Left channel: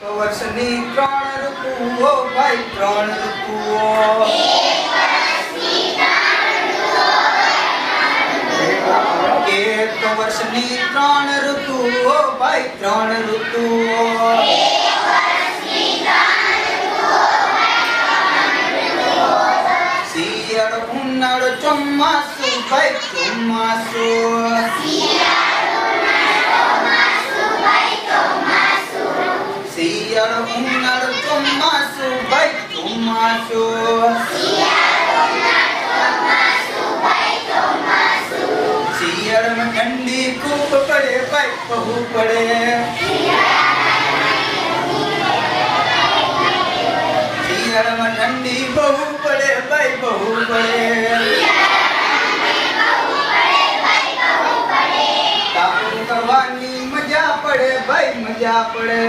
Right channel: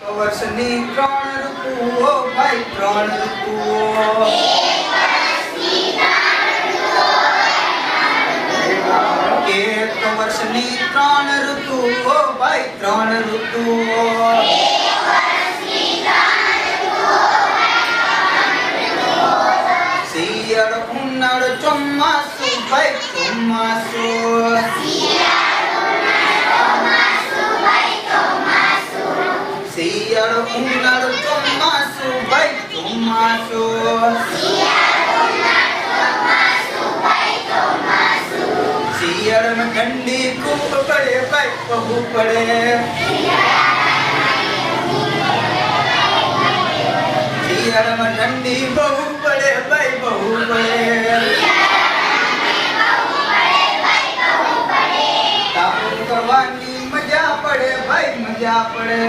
વર્ષની ત્રણ ઋતુઓ ભાઈ ત્રણ ઋતુઓ એક વર્ષની ત્રણ ઋતુઓ ભાઈ ત્રણ ઋતુઓ શિયાળો ઉનાળો ચોમાસું ભાઈ ચોમાસું શિયાળો ઉનાળો ચોમાસું, ભાઈ ચોમાસું. શિયાળમાં ઠંડી ખૂબ પડે, ભાઈ બહુ પડે. શિયાળામાં ઠંડી બહુ પડે, ભાઈ બહુ પડે. તાપણું કરવાની મજા પડે, ભાઈ મજા પડે.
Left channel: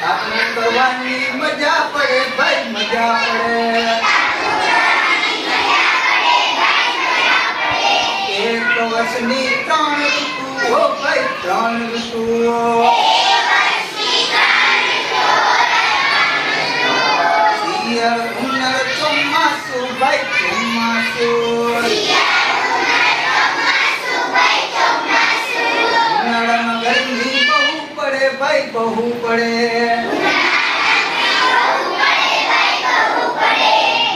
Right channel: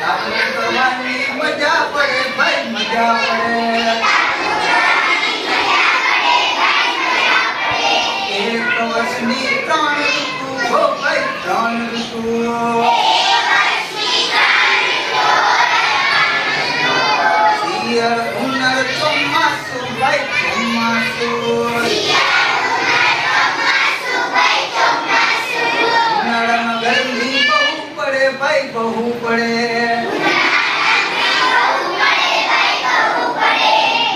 તાપણું કરવાની મજા પડે ભાઈ મજા પડે એક વર્ષની ત્રણ ઋતુઓ ભાઈ ત્રણ ઋતુઓ શિયાળ ઉનાળો ચોમાસું ભાઈ ચોમાસું પડે ભાઈ બહુ પડે.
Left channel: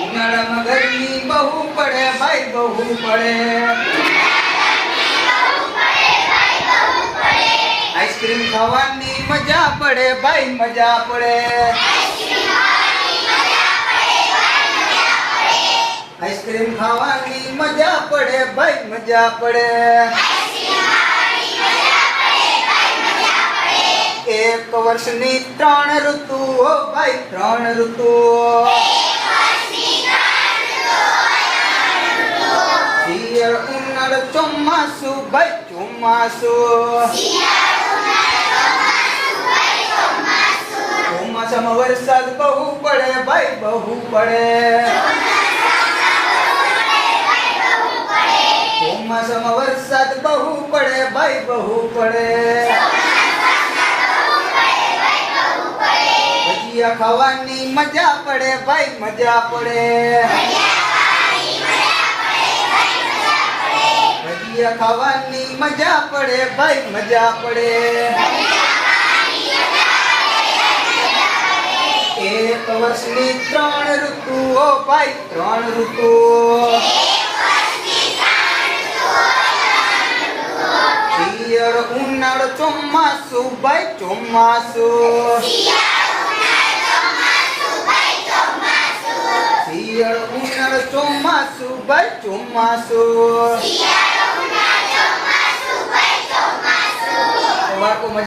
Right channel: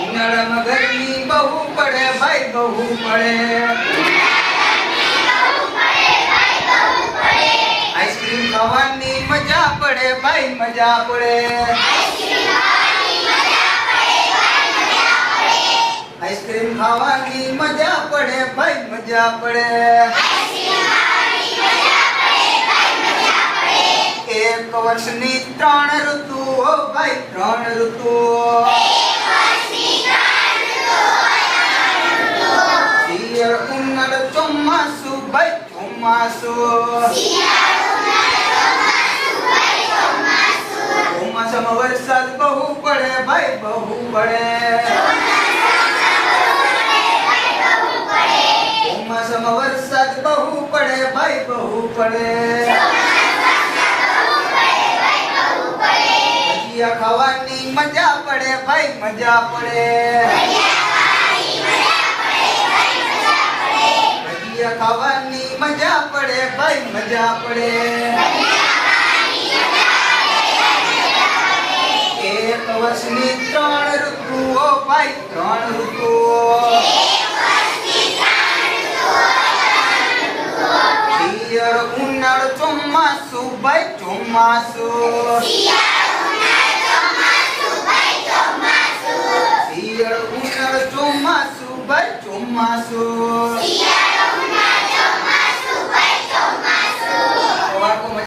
ઉનાળામાં ગરમી બહુ પડે ભાઈ બહુ પડે. આઈસ્ક્રીમ ખાવાની મજા પડે ભાઈ મજા પડે. આઈસ્ક્રીમ ખાવાની મજા પડે ભાઈ મજા પડે. એક વર્ષની ત્રણ ઋતુઓ ભાઈ, ત્રણ ઋતુઓ. શિયાળ, ઉનાળો, ચોમાસું ભાઈ, ચોમાસુ. ચોમાસામાં વરસાદ બહુ પડે ભાઈ, બહુ પડે. ચોમાસામાં વરસાદ બહુ પડે ભાઈ, બહુ પડે. ભજીયા ખાવાની મજા પડે ભાઈ, મજા પડે. ભજીયા ખાવાની મજા પડે ભાઈ, મજા પડે. એક વર્ષની ત્રણ ઋતુઓ ભાઈ, ત્રણ ઋતુઓ. શિયાળો ઉનાળો ચોમાસું ભાઈ, ચોમાસું. ثم سوء